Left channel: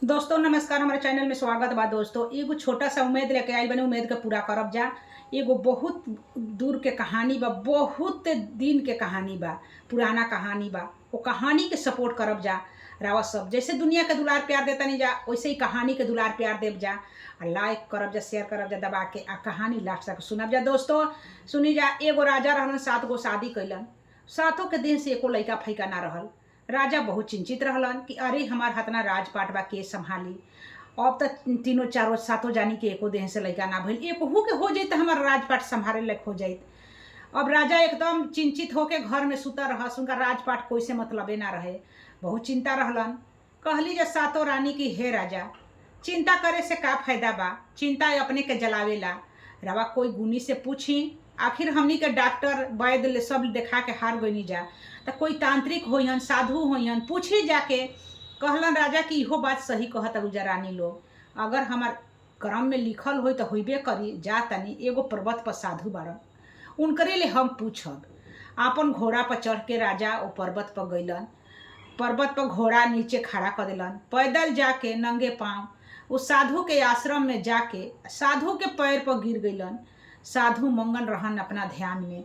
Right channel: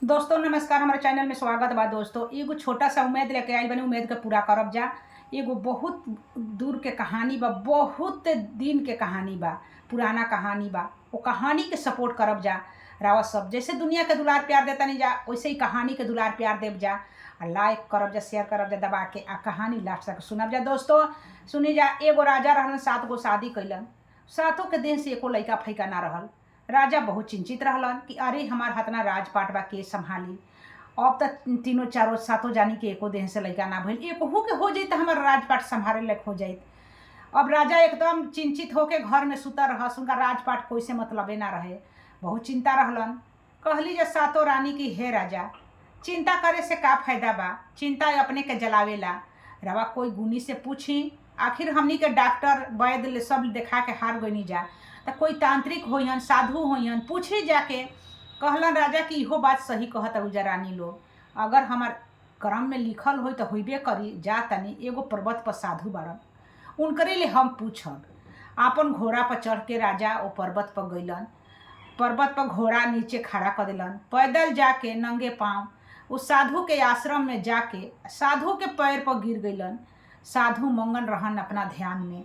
दोस्तों नमस्कार, हमारे चैनल में स्वागत बा। दोस्तों एगो छोटा सा उम्मीद लेके आइल बनी, उम्मीद के पूरा करब जा। एगो बहुत दूर के कहानी बा, बहुत दिन के कहानी बा, पुराना कहानी बा। वो कहानी के सपोर्ट करब जा। रावा सब जैसे दुनिया के दुलार प्यार देता नहीं जा, वैसे ही कहानी के दुलार प्यार देव जा। लाइक करब जा, शेयर करब जा दबा के, आ कहानी लास्ट तक सुनब जा। दोस्तों सुनी जा। एगो राजा रहलन, 7 गो शादी कैलन। सातों के देह से एको लइका फैका ना रहल। राजा बहुत चिंतित रहलन कि अरे हमार हतना राजपाट बा, के संभाली। अब तक तीनों चारों सातों जानी के एको देह से लइका ना भइल, एक के हो जाइत हमार राजपाट संभाले लायक हो जाइत। अब राजा एकदम चिंतित होके घर में सुता रहस, उनका राजपाट कोई से मतलबे ना रहे। बहुत चिंता रहलन। कहली जे सातों रानी की, हे राजा, चिंता करे से का फायदा बा, चिंता अपने के जलावेला। रवा कोई गुनी से पूछी, आखिर हमनी के डॉक्टर वैद्य सब देखा के हार गईनी जा, तो कोई तांत्रिक होयन, साधु होयन, पूछी जाके। कहलन राजा कि इहो बात सही कहत उजा रानी लोग, अगर हमार क्रम में लिखल होई तो होइबे करी। जा तनी एगो पर्वत पर साधु बारन, उनकरे ले हम पूछब। आपन घोड़ा पर चढ़ के राजा वो पर्वत पर गइलन। पर्वत पर घोड़ा नीचे खड़ा कर दिलन। पैदल जाके नंगे पाँव उस साधु के आश्रम में जाके साधु के पैर पर गिर गइलन। साधु मंगन रहन अपना ध्यान में।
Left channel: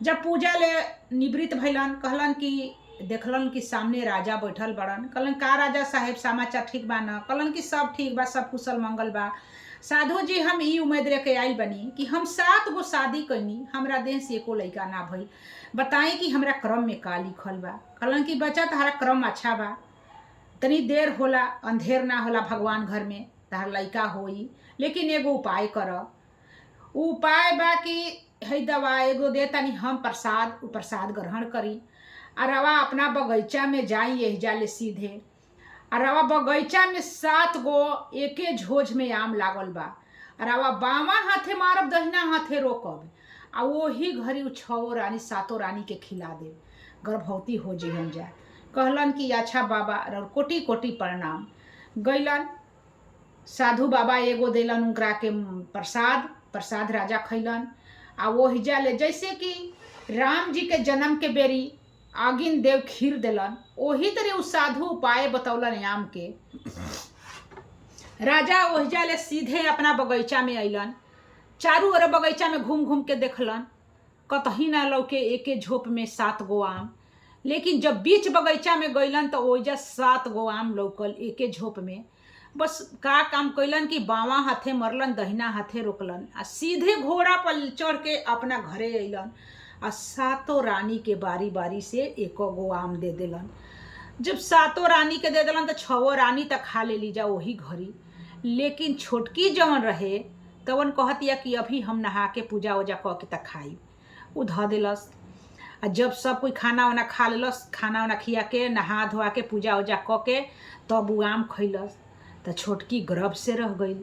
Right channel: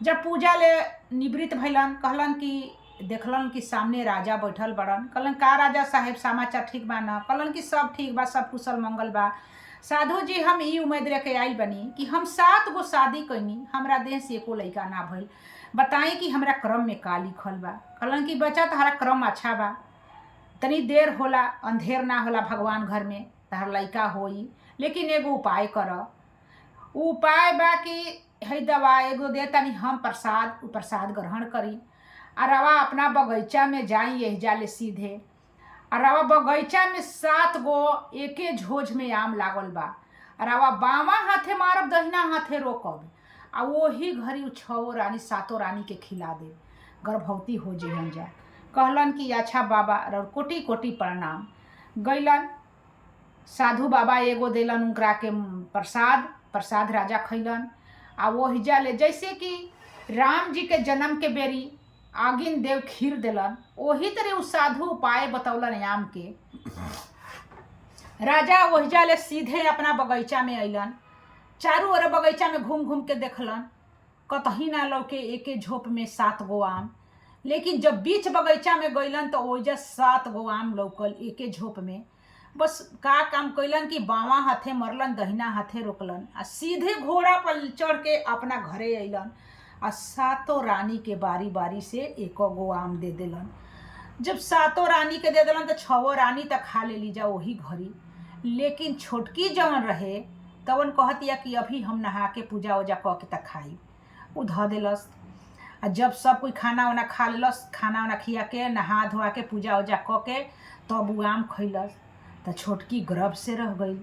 जब पूजा ले निवृत्त भइलन, कहलन कि देखलन कि सामने राजा बैठल बड़न। कहलन का राजा साहेब, समाचार ठीक बा न? कहलन कि सब ठीक बा, सब कुशल मंगल बा। साधु जी, हम ई उम्मीद लेके आइल बनी कि हम 7 गो शादी कैनी, हमरा देह से एको लइका ना भइल। बताई कि हमरा क्रम में का लिखल बा। कहलन कि बच्चा तहरा क्रम अच्छा बा, तनी देर होला अंधेर ना होला, भगवान घर में तहरा लइका होई, लेकिन एगो उपाय कर। उपाय बा कि है दवा एगो दे तनी हम प्रसाद, उ प्रसाद ग्रहण करी। और रवा अपना बगीचा में जाई, यही जाले सीधे। और रवा बगीचा में 7 गो एके झोझ में आम लागल बा। और रवा बामा हाथे मारब, दहिना हाथे रोकब, आ वही घड़ी उ 6 रानी 7 रानी के खिला दे, गर्भवती हो जइहन जा। कहलन कि अच्छा बाबा, और कोटि कोटि प्रणाम। गइलन साधु बाबा, एगो देलन उनकरा के प्रसाद। प्रसाद राजा खैलन। आ वो हिजा ले जैसे कि राम जी के जन्म के बेरी आगिन देव खीर देलन, वही तरह उ साधु उपाय बतौलन आम के। राजा वहीजा ले सीधे अपना बगीचा में अइलन। चारू ओर बगीचा में घूम घूम के देखलन, कतही ना लौके एके झोप में 7 गो आम। लेकिन जब बीच बगीचा में गइलन तो ओइजा 7 गो आम लौकल एके झोप में। बस का काम कैलन कि बावा हाथे मरलन, दहिना हाथे रोकलन, आ सीधे घोड़ा पर चढ़ के अपना घरे अइलन। आ 7 रानी के बारी बारी से 1 गो आम दे देलन। जब 7 रानी के दे देलन तो 6 रानी तक खा ले ली जा वही घड़ी। लेकिन छोटकी जवन रहे तवन कहतिया कि अभी हम नहा के पूजा वूजा क के तक खाई। उ ध देलस। आ जब सब कोई खाना वाना खा लेलस, खाना वाना खिया के नहा धोआ के पूजा वूजा क के तब उ आम खैलस। तो छोटकी गर्भ से रह गई।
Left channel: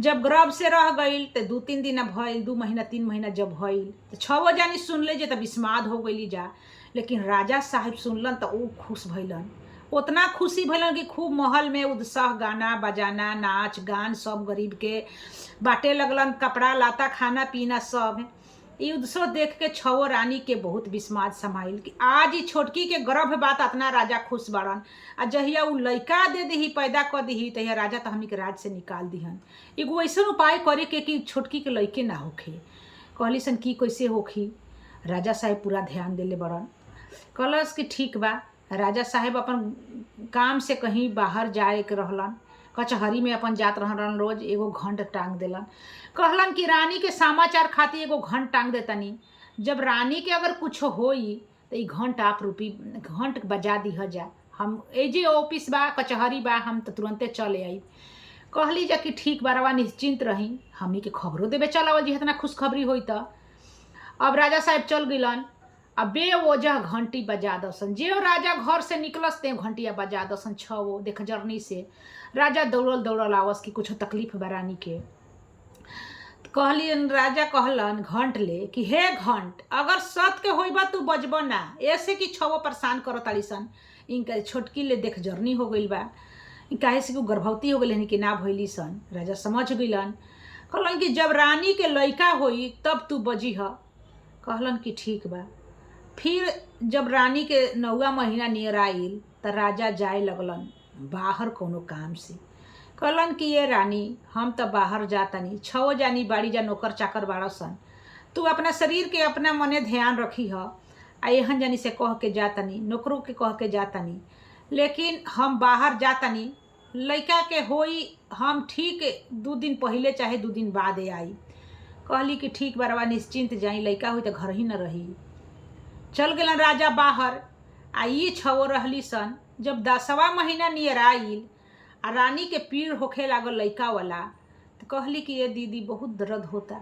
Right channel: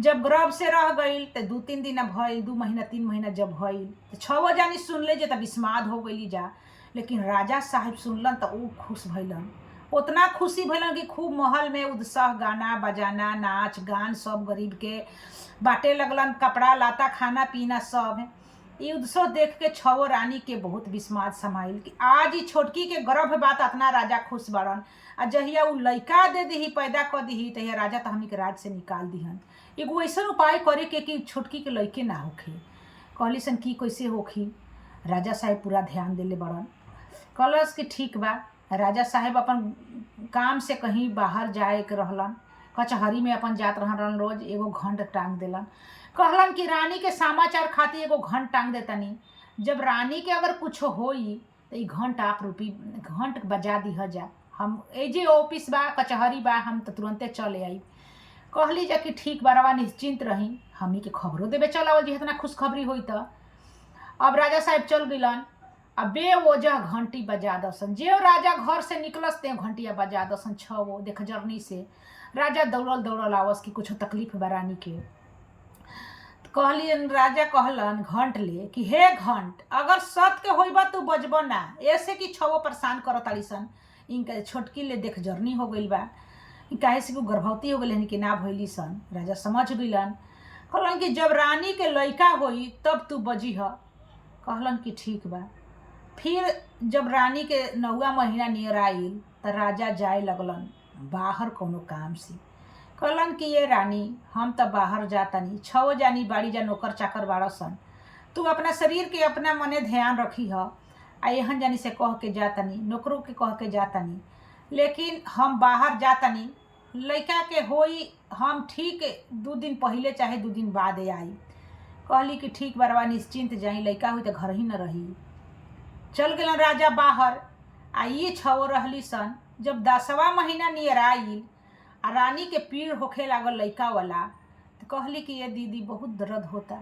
जब गर्भ से रह गई तो 2-3 दिन भइल, 2 महीना 3 महीना जब भइल तो 6 जानी सुनले जे तब विस्माद हो गई जा। लेकिन राजा साहिब सुनलन तो वो खुश भइलन, उतना खुशी भइलन कि खूब महल में उत्साह, गाना बजाना, नाच गान सब गरीब के बाटे लगलन, कपड़ा लाता खाना पीना सब। ये उत्सव देख के 6 रानी के बहुत विस्माद समाइल कि आज ही छोटकी के गर्भ बात अपना राजा खुश बड़न। आ जहिया उ लइका दे दही, पैदा कर दही, तहिया राजा तो हमनी के राज से निकाल दिहन। एगो ऐसा उपाय करे के कि छोटकी के लइके ना होखे। कहली सन की कैसे होखी। राजा साहेब पूरा ध्यान देले बड़न। कहलस कि ठीक बा। राजा साहेब अपन काम से कहीं बाहर जाए के रहलन, कचहरी में अपन जात रहलन रोज। एगो घंट टांग देलन। कहलन कि रानी के समाचार खातिर एगो घंट टांग देतनी, जब रानी के अगर कुछ होई तो ई घंट आप रूपी घंट बजा दिह जा। हम एजे ऑफिस बा, कचहरी बा, हम तो तुरंते चले आई। कहली जा कि ठीक बा, रवा निश्चिंत रही, हमनी के खबरों देवे चलावल जी इतना खुशखबरी होई त। अब राजा साहेब चल गिलन। अब बेवजह घंटी बजा दसन। जे राजा घर से निकलस ते घंटिया बजा दसन 6 देख जर्नी से। राजा दौड़ल दौड़ल आवस कि कुछ तकलीफ बा रानी के। कहली राजा कहलन घंट ले कि हे घंट, अगर सत के होइबा तू बजब ना, ऐसे कि 6 परेशान करत ताड़ी सन। इनका छोटकी ले देख जर्नी हो गई बा, काहे से कि गर्भवती हो गई कि ना भइली सन। राजा समझ गइलन। कहलन कि जब रानी के लइका होई तब तू बजी ह। कहलन कि ठीक बा। फिर जब रानी के 9वां महीना नियर आइल तो राजा जाए लगलन बाहर कोनो काम से। कहलन कि ये रानी हम तो बाहर जातनी, 6 जानी बाड़ी जा नौकर चाकर बाड़ा सन, तू अपना शरीर के अपना मने ध्यान रखी ह। आ एहन जानी से कह के जातनी, नौकरों के कह के जातनी, लेकिन हम बाहर जातनी, लइका के होई हम ठीक 2 दिन पहले चाहे 2 दिन बाद आई। कहली कि ठीक बरवा निश्चिंत जाई, लइका हुई तो घर ही न रही। चल गलन राजा बाहर। आ ये 6 रहली सन। जब 10वां महीना नियर आइल आ रानी के पीड़ होखे लागल लइका वाला, तो कहली कि ये दीदी बहुत दर्द होता।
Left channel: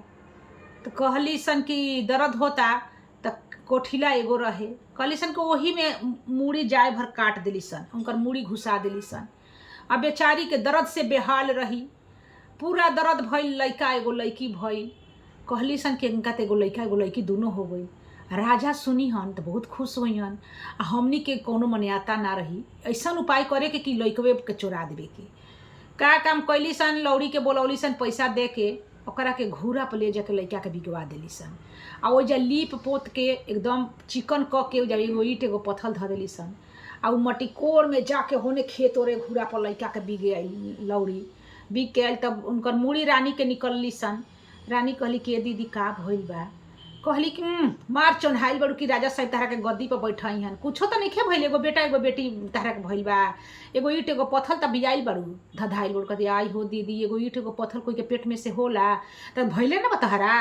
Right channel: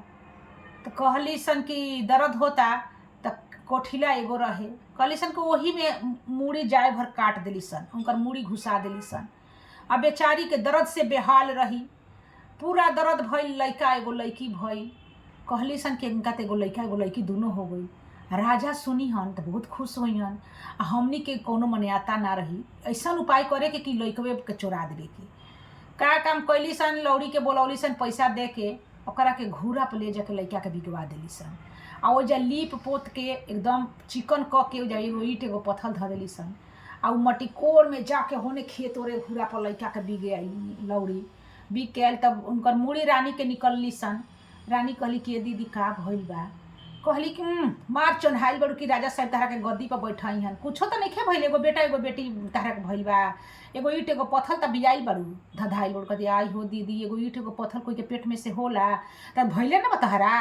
तो कहली सन कि दर्द होता, तो कोठिला एगो रहे, कहली सन कि वही में मूड़ी जाए भर काट दिली सन, उनकर मूड़ी घुसा दिली सन। अब बेचारी के दर्द से बेहाल रही, पूरा दर्द भइल, लइका एगो लइकी भइल। कहली सन कि इनका तो एगो लइका एगो लइकी दोनों हो गई। राजा सुनी हन तो बहुत खुश हुई हन। आ हमनी के कोनो मन्याता ना रही, ऐसा उपाय करे के कि लइकवे के चोरा देवे के। का काम कैली सन, लौड़ी के बोलौली सन पैसा दे के, ओकरा के घूरा पर ले जाके लइका के बिगवा देली सन। आ वो जा लीप पोत के एकदम चिकन क के जा एगो ईट एगो पत्थल धर देली सन। आ उ मटिकोर में जाके होने खेत ओरे घूरा पर लइका के बिगे आई लौड़ी। बिग के आयल तब उनकर मूड़ी रानी के निकलली सन। रानी कहली कि ये दीदी का भइल बा। कहली कि मार चोन्हाइल बड़ू कि राजा साहब तहरा के गद्दी पर बैठाई हन, कुछो तो नहीं भइल, एगो बेटा एगो बेटी तहरा के भइल बा, एगो ईट एगो पत्थल तब बियाइल बड़ू धधाइल बड़ू। कहती आई हो दीदी, एगो ईट एगो पत्थल कोई के पेट में से होला तब भइले ना बतहरा।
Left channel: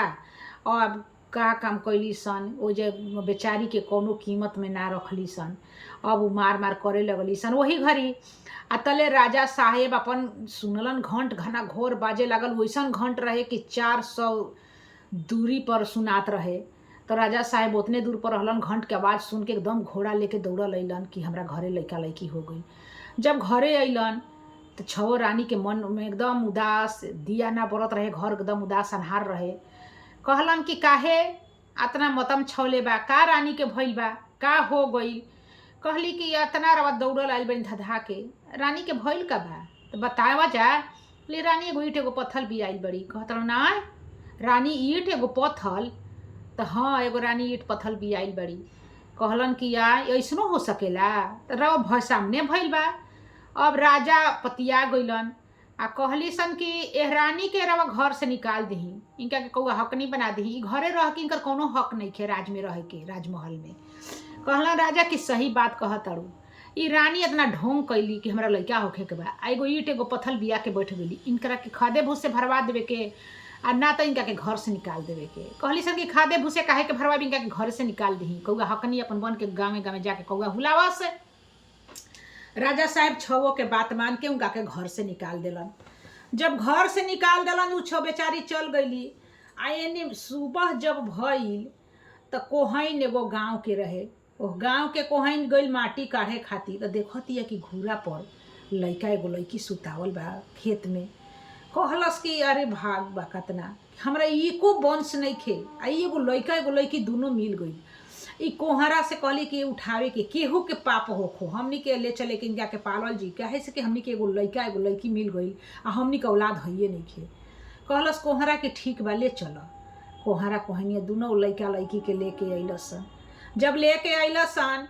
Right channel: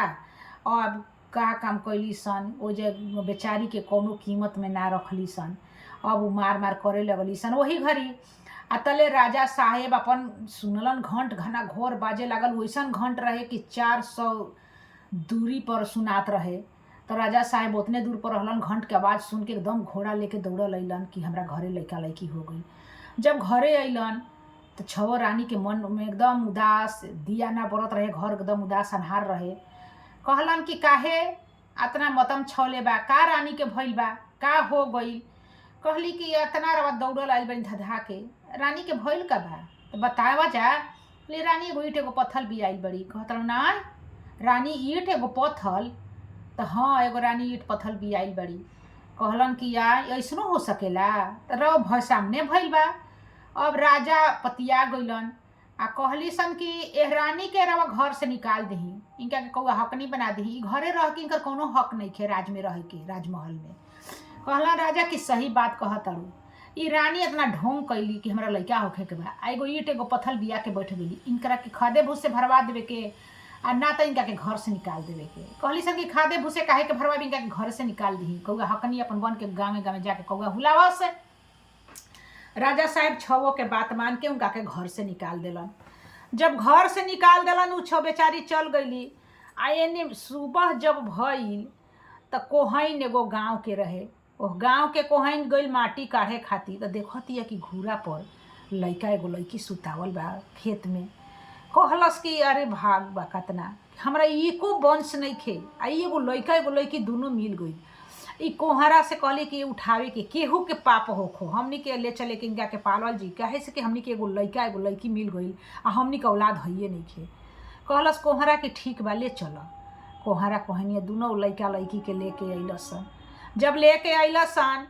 अब का काम कैली सन, ओ जे बेचारी के कोनो कीमत में ना रखली सन। अब उ मार मार करे लगली सन। वही घड़ी आ तले राजा साहेब अपन सुनलन घंट घना घोर बाजे लागल। वैसन घंट रहे कि 400 दूरी पर सुनात रहे। तो राजा साहेब उतने दूर पर रहलन, घंट के आवाज़ सुन के एकदम घोड़ा लेके दौड़ल अइलन कि हमरा घरे लइका लइकी हो गई। जब घरे अइलन तो 6 रानी के मन में एकदम उदास, दिया ना बरत रहे, घर एकदम उदास अन्हार रहे। कहलन कि काहे अतना मतम छौले बा, का रानी के भइल बा, का हो गई। कहली कि इतना रवा दौड़ल आइल बनी धधा के, रानी के भइल का बा तो बतावा जा। ले रानी एगो ईट एगो पत्थल भी आइल बड़ी। कहतल ना रानी ईट एगो पत्थल, तो हाँ एगो रानी ईट पत्थल भी आइल बड़ी। कहलन कि या ऐसनो हो सकेला, तो रव सामने भइल बा। अब राजा पतिया गइलन आ कहली सन कि एह रानी के रवा घर से निकाल दही, इनका के कौआ हक नहीं बना दही, घरे रह के इनकर कोनो हक नहीं खे राज में रह के, राजमहल में। कहला राजा कि सही बात कहतड़ू, ई रानी इतना ढोंग कैली कि हमरा लइका होखे के बा, एगो ईट एगो पत्थल बिया के बैठ गई, इनकरा के खादे भूस से भरवा देवे के आ ना तो इनका के घर से निकाल देवे के। कहली सन कि खादे भूसे काहे के भरवा, इनका के घर से निकाल दही, कौआ हकनी अपन बन के गाँव गाँव जाके कौआ हुलावा से। राजा साहब 6 के बात मान के उनका के घर से निकाल देलन। जब घर से निकाल देलन उ 6 बेचारी चल गईली। आ एने सुबह जब भइल तो कोहइन एगो गाँव के रहे, ओह गाँव के कोहइन गइल माटी काढ़े खातिर। तो देखतिया कि घूरा पर लइका एगो लइकी सुतावल बा खेत में। कहलस कि अरे भाग बा कतना, हमरा एको वंश नहीं खे, आ एगो लइका एगो लइकी दोनों मिल गई। ई कोहरा से कहली कि उठावे के केहू के पाप होखो, हमनी के ले चले के इनका के पालल जी, काहे से कि हमनी के एगो लइका एगो लइकी मिल गई आ हमनी के औलाद हइये नहीं खे। कहलस कोहरा कि ठीक बा ले चल। कोहरा कहनिया दोनों लइका लइकी के लेके अइलसन। जब लेके अइलसन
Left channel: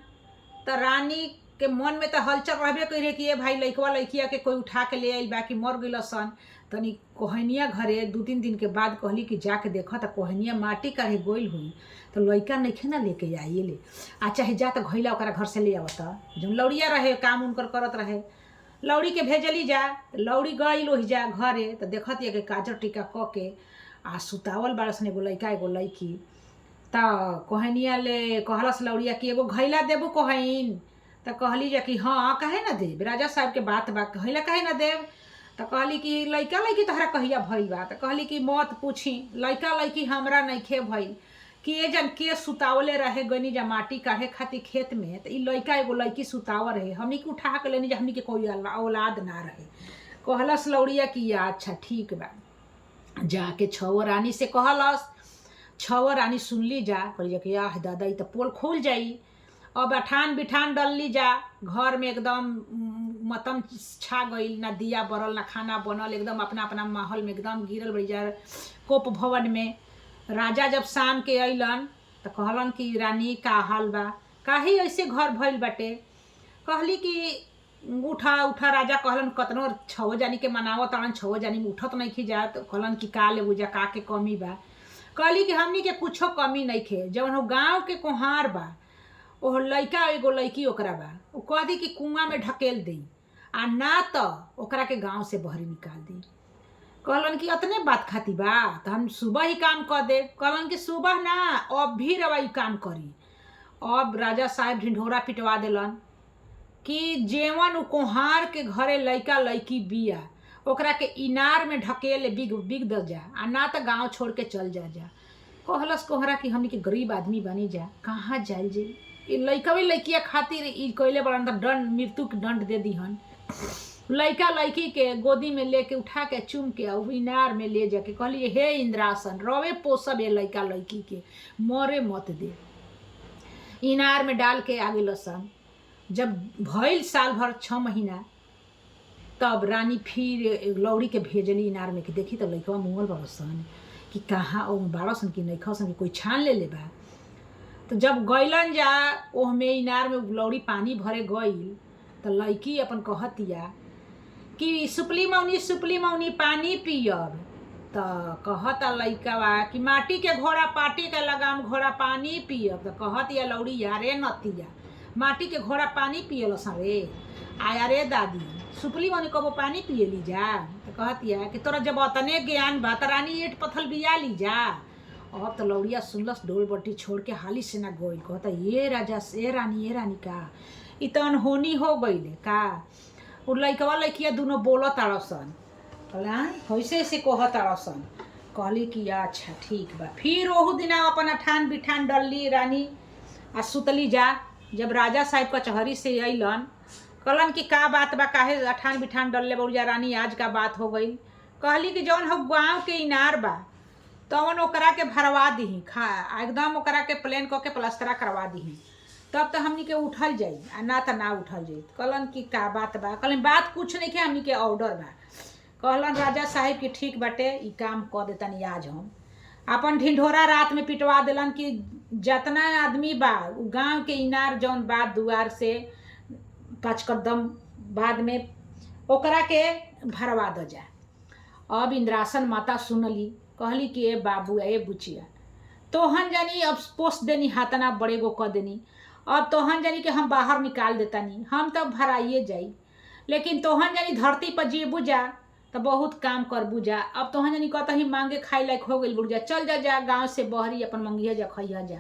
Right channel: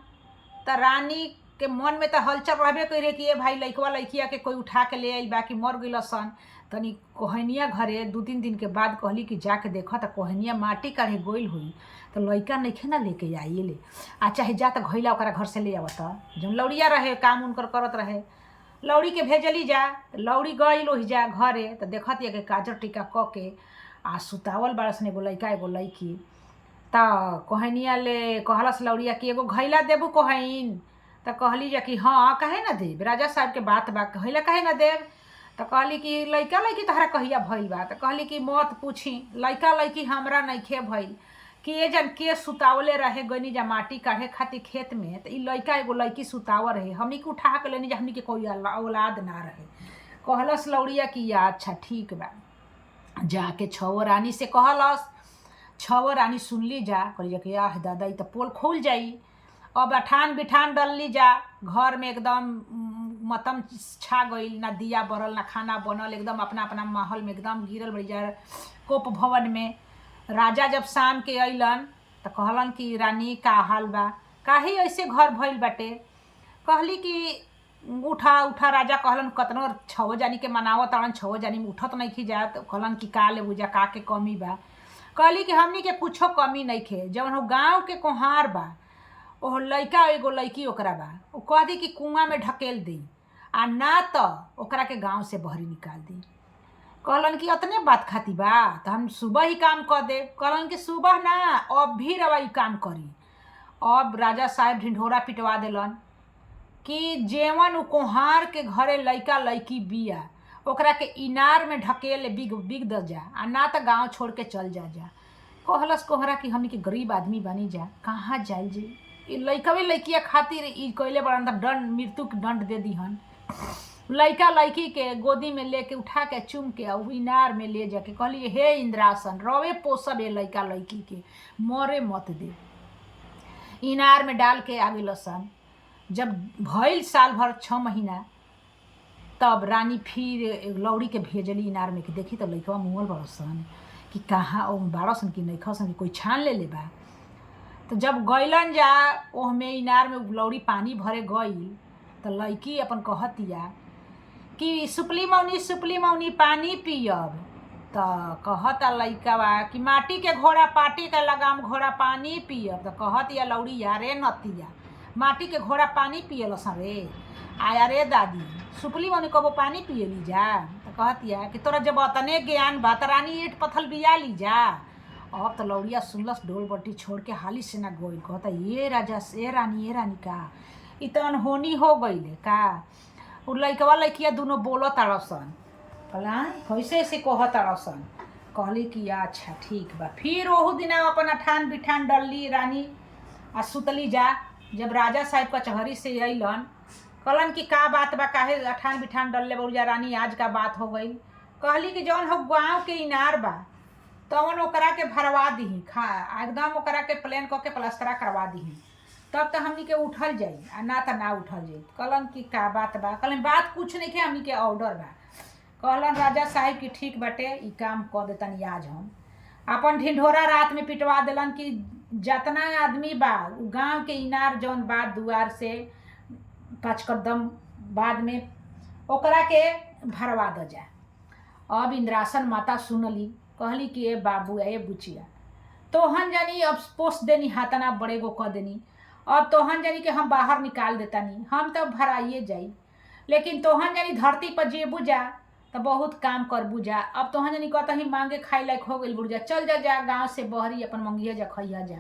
तो रानी के मन में तो हलचल रहबे करे कि ये भाई लइकवा लइकिया के कोई उठा के ले आइल बा कि मर गइलसन। तनी कोहनिया घरे 2-3 दिन के बाद कहली कि जाके देखा तो कोहनिया माटी काढ़े गोइल हुई, तो लइका नइखे ना लेके आइले, आ चाहे जा तो घइला ओकरा घर से ले आवत। जौन लौड़िया रहे काम उनकर करत रहे, लौड़ी के भेजली जा। लौड़ी गइल ओहि जा घरे तो देखत ये के काजर टीका क के आ सुतावल बाड़सन एगो लइका एगो लइकी। तो कोहनिया ले कहलस लौड़िया कि एगो घइला देबू कोहइन। तो कहली जा कि हाँ काहे ना देब, राजा साहब के बात बा, घइला काहे ना देब। तो कहली कि लइका लइकी तहरा कहिया भइल बा। तो कहली कि मत पूछी, लइका लइकी हमरा नइखे भइल, के जन के सुतावले रहे गनी जा माटी काढ़े खातिर खेत में। तो ई लइका एगो लइकी सुतावर रहे, हमनी के उठा के लेनी जा, हमनी के कोई औलाद ना रहे। कहलस लौड़िया कि अच्छा ठीक बा। जाके 6 रानी से कहलस, 6 रानी सुनली जा, कहली जा कि आह दादा ई तो पोल खोल जाई। अब अठान बिठान डलली जा, घर में एकदम मतम छा गई, ना दिया बरल ना खाना बनल, एकदम अपना अपना माहौल में एकदम गिरल बड़ी जा कोप भवन में। राजा जब शाम के अइलन तो कहलन कि रानी का हाल बा, काहे ऐसे घर भइल बाटे। कहली कि उठा उठा राजा कहलन कतनो छो जानी के मनावत ताड़न छो जानी में उठत नहीं खी जा। तो कहलन कि का ले बुझा का के कमी बा। कहली कि हमनी के कुछो कमी नहीं खे। जवन हो गाँव के कोहार बा ओह लइका एगो लइकी ओकरा बा उ कह दी कि कुआं में ढकेल दी आ ना तो ओकरा के गाँव से बहरी निकाल दी। कहलन कि अतने बात खाती बा तो हम सुबह ही काम कर दे। कहलन कि सुबह ना अब भी रवा ई काम करी। अब राजा साहब ढिंढोरा पिटवा देलन कि जेवन उ कोहार के घरे लइका लइकी बिया ओकरा के इनार में ढकेल बिग बिग द जा आ ना तो गाँव छोड़ के चल जा। कहलस कोहरा कि हमनी के गरीब आदमी बनी जा कहाँ जाइल जे ई लइकवे लइकिया खातिर ई कइले बड़न त दंड मृत्यु के दंड दे दीहन। लइका लइकी के गोदी में लेके उठा के चुम के उ इनार में ले जाके कहली हे इंद्रासन रवे पोसब ए लइका लइकी के मरे मत दे। इनार में डाल के आगे लसन। जब भइल साल भर 6 महीना तब रानी फिर लौड़ी के भेजली इनार में कि देखी तो लइकवा मुँहल बड़सन कि कहाँ ओ बाड़सन कि नहीं खसन कि कोई छान ले बा। तो जब गइलन जा ओह में इनार में लौड़ी पानी भरे गइल तो लइकी अपन कहतिया कि सुपली मौनी पानी पियब। तो कहता लइकावा कि माटी के घोड़ा पाटी के लगाम घोड़ा पानी पियब। तो कहतिया लौड़ी यारे नतिया माटी के घोड़ा पानी पियलसन रे आया रे दादी सुपली मौनी कबो पानी पियली जा। तो कहतिया कि तोरा जब अतने ज्ञान बा त रानी ईट पत्थल बिया ली जा। अब तो लौड़िया सुनलस डोल बट्टी छोड़ के हाली से ना गोइल। कहता ये राजा ए रानी का इ त अनहोनी हो गइले का। उ लइकवा लइकिया दुनो बोल ताड़सन कहला कैसे से कह ताड़सन। कहली कि अच्छा ठीक बा। फिर ओहू दिना अपन अठान बिठान डलली रानी आ सुतली जा। जब राजा साहब कचहरी से अइलन कहलन कि का बात बा काहे अठान बिठान डलले बउजा रानी आज का बात हो गई। कहली कि जौन हो गाँव के इनार बा तवन ओकरा के भरवा दीही खा एकदम ओकरा के प्लेन क के प्लास्टरा करवा दीही तब तो हमनी के उठल जाई आ ना तो ना उठल जाई। कहलन कि का बात बा। कहलन बात कुछ नहीं के हमनी के ऑर्डर बा। कहलन राजा साहब कि ठीक बाटे ई काम कर देतनी आज हम। अपन ढिंढोरा रात में पिटवा देलन कि जतना आदमी बा उ गाँव के इनार जौन बा दुआर से 5 कदम बाद में ओकरा के भरवा द जा। अब इंद्रासन माता सुनली कहली कि ए बाबू ए बुचिया तोहन जानी अब पोस देनी हाथना बड़े गो क देनी। अब तोहन जानी कि हम बाहर निकाल देतानी हम तो भराइए जाई लेकिन तोहन जानी धरती पर जे बुझा तो बहुत काम कर बुझा। अब तोहन जानी कहता ही मांगे खाए लायक हो गई बुझा चल जा गाँव से बहरी अपन मंगिया जा खइया जा।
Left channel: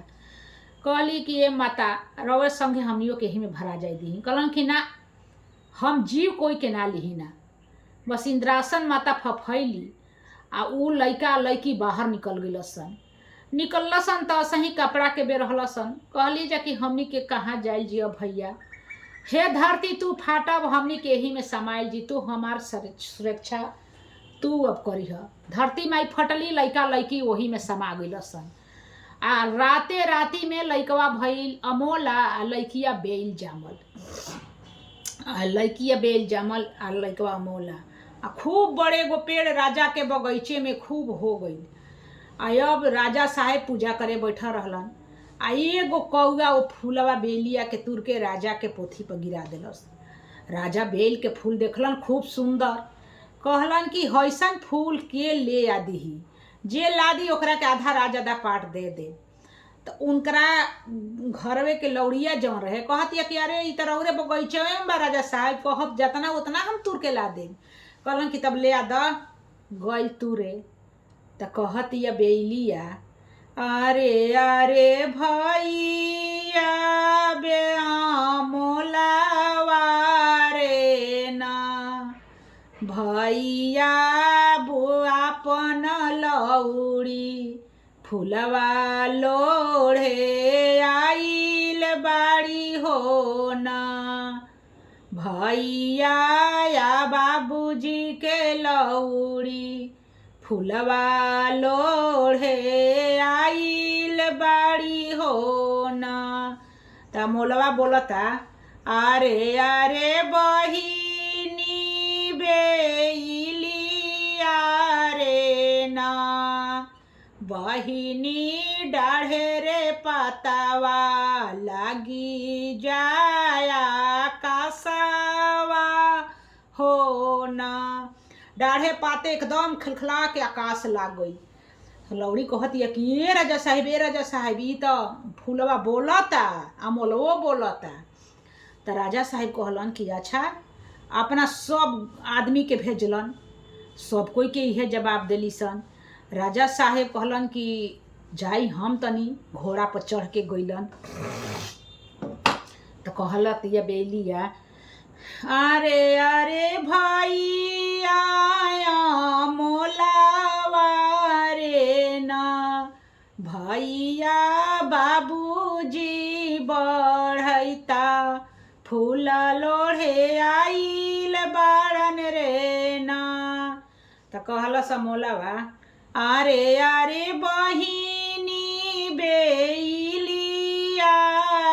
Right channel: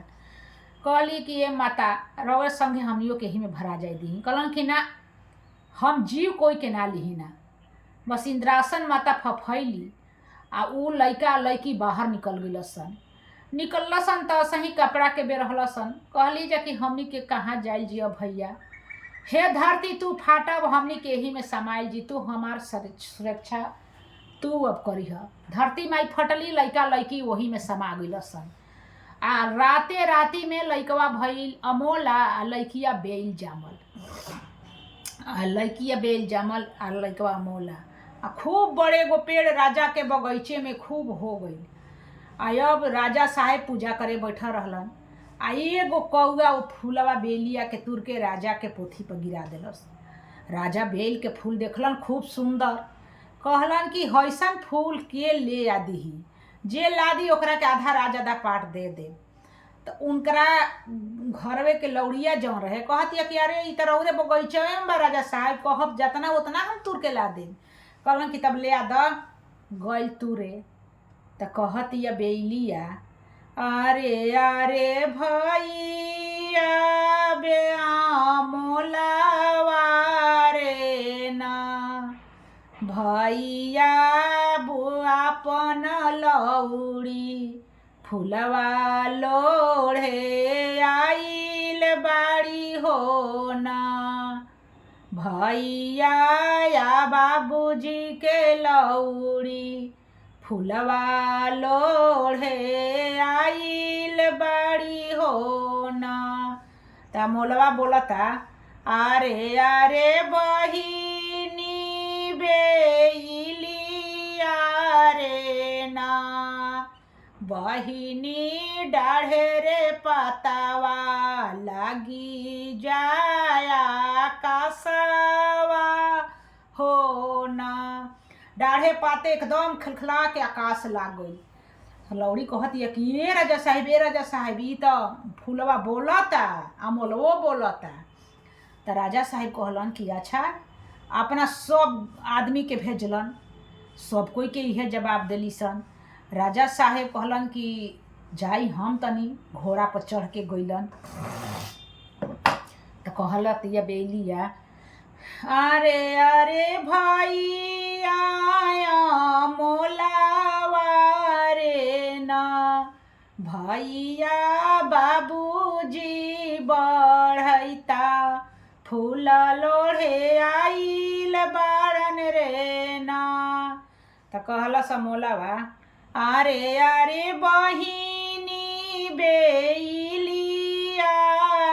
कहली कि ये माता रवे संगे हमनियों के ही में भरा जाए दी। कहलन कि ना हम जीव कोई के ना लिही ना। बस इंद्रासन माता फफैली आ उ लइका लइकी बाहर निकल निकलसन तो सही कपड़ा के बेरहलसन। कहली जा कि हमनी के कहाँ जाइल जिया भैया हे धरती तू फाटब हमनी के ही में समाइल जी तू हमार सुरक्षा तू अब करी ह। धरती माई फटली लइका लइकी वही में समा गइलसन आ राते राती में लइकवा भइल अमोला आ लइकिया बेल जामल आ लइकिया बेल जामल आ लइकवा अमोला आ खूब बड़े गो पेड़ राजा के बगीचे में खूब हो गई। आ अब राजा साहेब पूजा करे बैठा रहलन आ एगो कौआ वो फूलवा बेलिया के तुर के राजा के पोथी पर गिरा देलस। राजा बेल के फूल देखलन खूब सुंदर। कहलन कि हैसन फूल के ले आ दीही जे लादी ओकरा के आधा राज आधा पाट दे दे। तो उनकरा घरवे के लौड़िया जौन रहे कहतिया कि अरे ई त रौरे बगीचे में बा राजा साहब कहब जतना उतना हम तुर के ला देब। कहलन कि तब ले आ द गइल तुरे तो कहतिया बेलिया अरे अरे भैया बे मोलावा रे ना भैया बुआ पन लौड़ी फूलवा लोढ़े आइल बाड़ी हो ना भैया या बाबूजी के लौड़ी फूलवा लोढ़े आइल बाड़ी हो ना। त मोलवा बोलता अरे अरे बहिनी बेलिया रे ना बहिनी डाढ़े रे पतावा लगी जाया कासावा हो ना। डाढ़े पाते एकदम खिलखिला के आकाश लाग गई। लौड़ी कहती है कि ए राजा साहेब, ए राजा साहेब, ई तो फूलवा बोलता आ मोलवो बोलता। तो राजा साहेब कहलन कि अच्छा, अपना सब आदमी के भेजलन, सब कोई के इहे जवाब दिली सन। राजा साहेब कहलन कि जाई हम तनी घोड़ा पर चढ़ के गइलन। तो कहलत ये बेलिया, अरे अरे भाई आया मोलावा रे ना, भैया बाबूजी बढ़ैता, फूल लोढ़े आइल बारन रे ना। तो कहला समोलावा, अरे अरे बहिनी बेलिया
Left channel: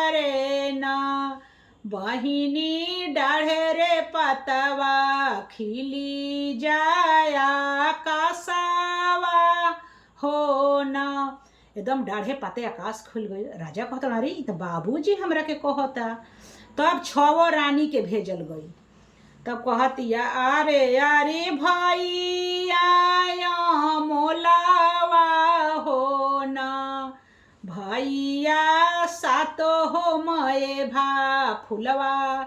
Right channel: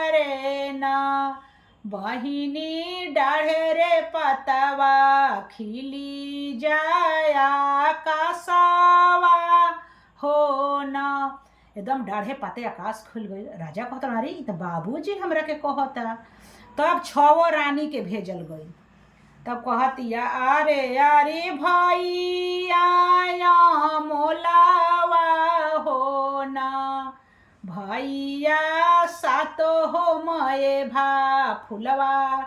रे ना, बहिनी डाढ़े रे पतवा खिली जाया कासावा हो ना। एकदम डाढ़े पाते आकाश खुल गई। राजा कहता, अरे तो बाबूजी हमरा के कहता। तब 6 रानी के भेजल गई। तब कहतिया, अरे अरे भाई आया मोलावा हो ना, भैया सातो हो मये भा फुलवा,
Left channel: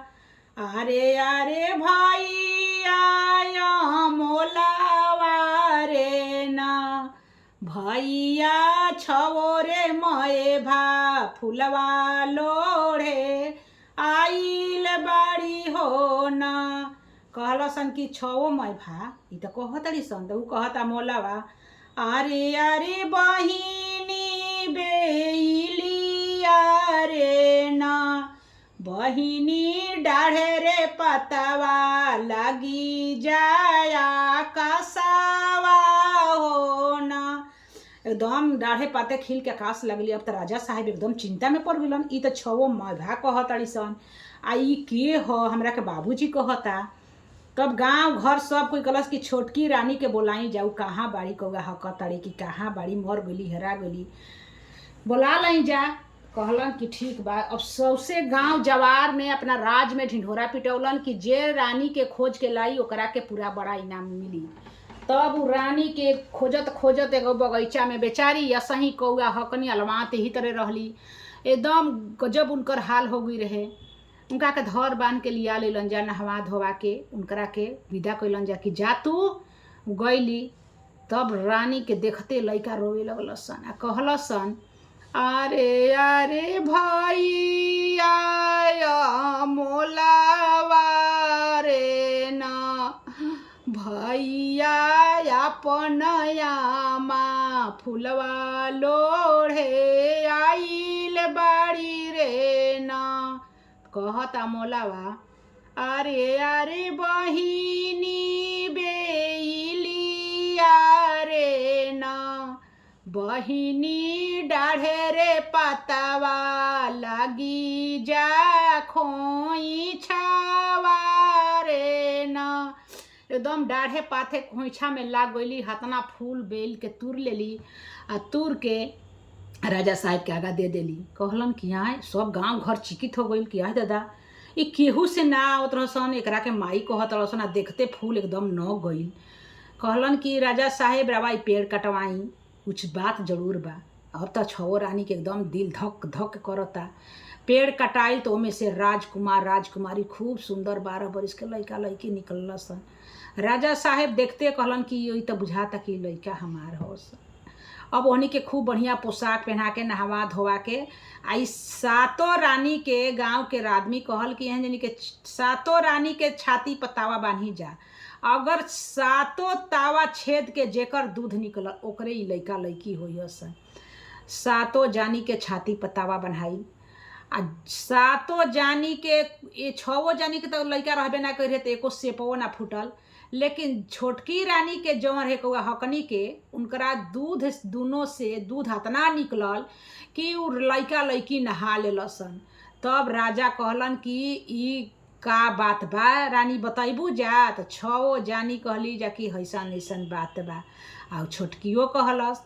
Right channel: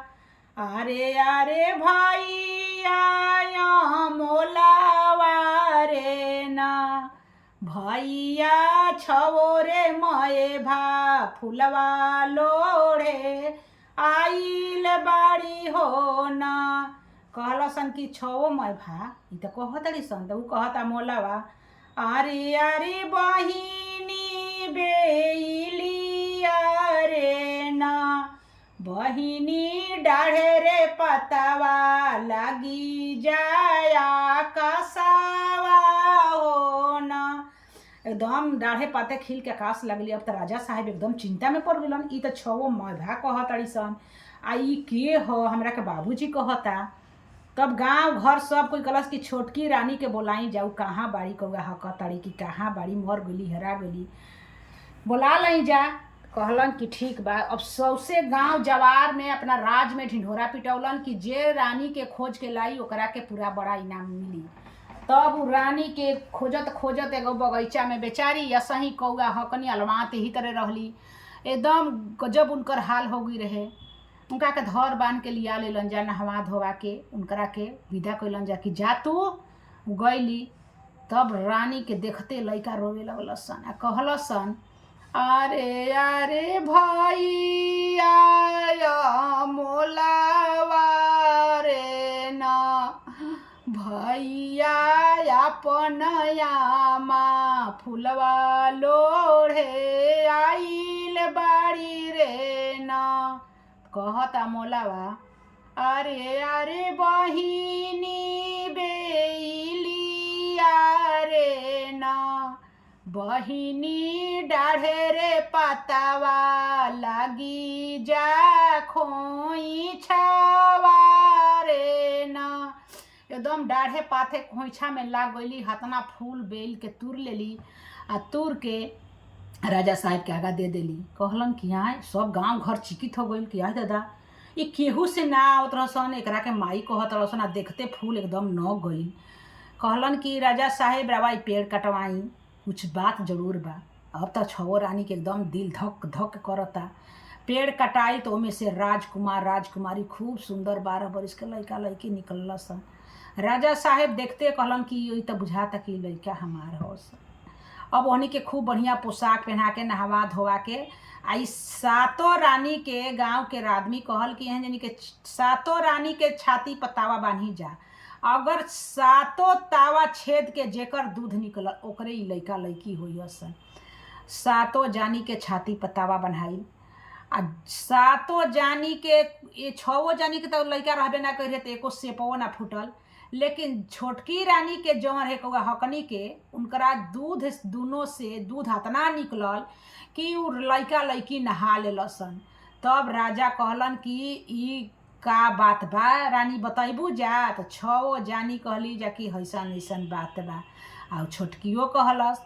अरे अरे भाई आया मोलावा रे ना, भैया 6 रे मये भा फुलवा लोढ़े आइल बाड़ी हो ना। कहला सन कि 6 मय भा, ई तो कहतड़ी सन। तो ऊ कहता मोलावा, अरे अरे बहिनी बेलिया रे ना, बहिनी डाढ़े रे पतवा लगी जाया कसावा हो ना। एकदम डाढ़े पाते खिल के आकाश लगली। अब तो राजा साहेब एकदम चिंता में पड़ गलन। ई तो 6 मौभा कहतड़ी सन, आ ई के हो हमरा के बाबूजी कहता। तब गांव घर सब कोई कहलस कि छोटकी रानी के बोलाई जाऊ, कहाँ बाड़ी कौआ हकतड़ी कि कहाँ बाड़ी, मर गली हेरा गली, बोला लाई जा। कहलन कि ठीक बा। अब सौसे गांव जवार में अपना राज में ढिंढोरा पिटौलन कि जे रानी के खोज के लाई ओकरा के पूरा बड़ा इनाम मिली। तब उ रानी के खोजत खोजत एगो बगीचा में बेचारी असही कौआ हकनी अलवात ही तरह रहली। एकदम गजब उनकर हाल हो गई रहे। उनका के धर बांध के लिया लेलन जा, नहवा धोवा के उनकरा के विदा कैलन जा कि जा तू गईली। तब रानी के देखते लइका रोवे लगल सन आ कहल सन, अरे अरे भाई आया मोलावा रे ना, भैया अपन यामा फुलवा लोढ़े आइल बाड़ी रे ना। कहता मोलावा, अरे अरे बहिनी बेलिया रे ना, बहिनी डाढ़े रे पतावा लागी जा खोइछावा रे ना। एकदम डाढ़े पाथे खोइछा में लाग गईली। हतना फूल बेल के तुर लेली आ तुर के राजा साहब के आगा दे देली। कहलन कि आए सब गांव घर चिकित हो गई कि आए दादा ये केहू से ना आवत रहसन, एकरा के माई कहत रहसन आ देखते फूल एकदम न गई। कहलन कि राजा साहेब रवा पेड़ कटवाई, कुछ बात जरूर बा। अब तो 6 रानी के एकदम दिल धक धक करता। पेड़ कटाई तो ओमे से राजकुमार राजकुमारी खूब सुंदर 12 बरिस के लइका लइकी निकलल सन। राजा साहेब देखते कहलन कि ये तो बुझाता कि लइका हमार हो सन। अब उन्हीं के खूब बढ़िया पोशाक पहना के नहवा धोवा के आई 7 रानी के गांव के आदमी कहल कि यहाँ जानी के 7 रानी के छाती पर तावा बांधी जा, अगर 7 तावा छेद के जेकर दूध निकल ओकरे ही लइका लइकी होई सन। 7 जानी के छाती पर तावा बन्हाई आ 7 जानी के ये 6 जानी के तो लइका रहबे ना करे तो एको सेपो ना फूटल। लेकिन छोटकी रानी के जौन है कौआ हकनी के उनकरा दूध दोनों से दूध हतना निकलल कि उ लइका लइकी नहा लेलसन। तब राजा कहलन कि ई का बात बा रानी बताइबू जा। तो 6 जानी कहली जा कि हैसन ऐसन बात बा। आ छोटकियो कहलस।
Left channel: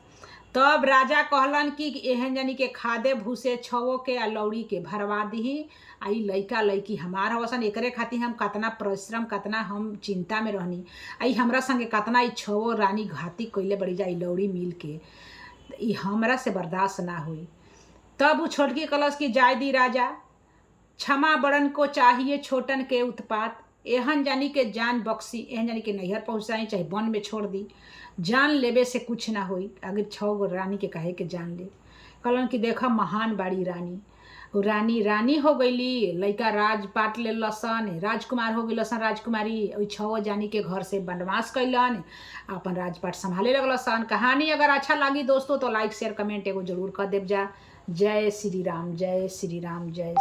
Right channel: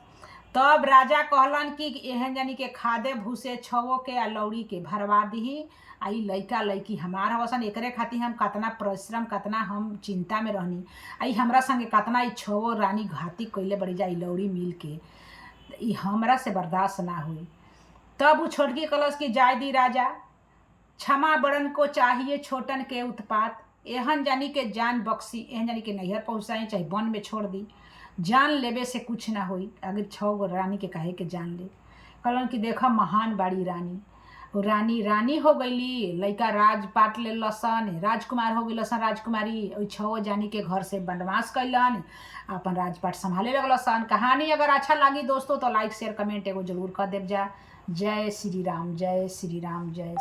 तब राजा कहलन कि एहन जानी के खादे भूसे छवो के आ लौड़ी के भरवा दीही। आ ई लइका लइकी हमार हवसन, एकरे खातिर हम कतना परिश्रम, कतना हम चिंता में रहनी। आ ई हमरा संगे कतना ई छवो रानी घाती कइले बड़ी जा ई लौड़ी मिल के, ई हमरा से बर्दाश्त ना हुई। तब उ छोटकी कलश की जाय दी राजा, क्षमा बड़न को चाहिए छोटन के उत्पात। एहन जानी के जान बख्शी, एहन जानी के नैहर पहुँचाई चाहे वन में छोड़ दी, जान लेबे से कुछ ना होई। अगर 6 गो रानी के कहे के जान ले। कहलन कि देखा महान बाड़ी रानी, रानी रानी हो गईली, लइका राजपाट ले लसन, राजकुमार हो गई लसन, राजकुमारी ओई 6 जानी के घर से वनवास कैलन, अपन राजपाट संभाले लगलसन। कहानी अगर अच्छा लगी दोस्तों तो लाइक शेयर कमेंट एगो जरूर कर देव जा। जय श्री राम, जय श्री राम, जय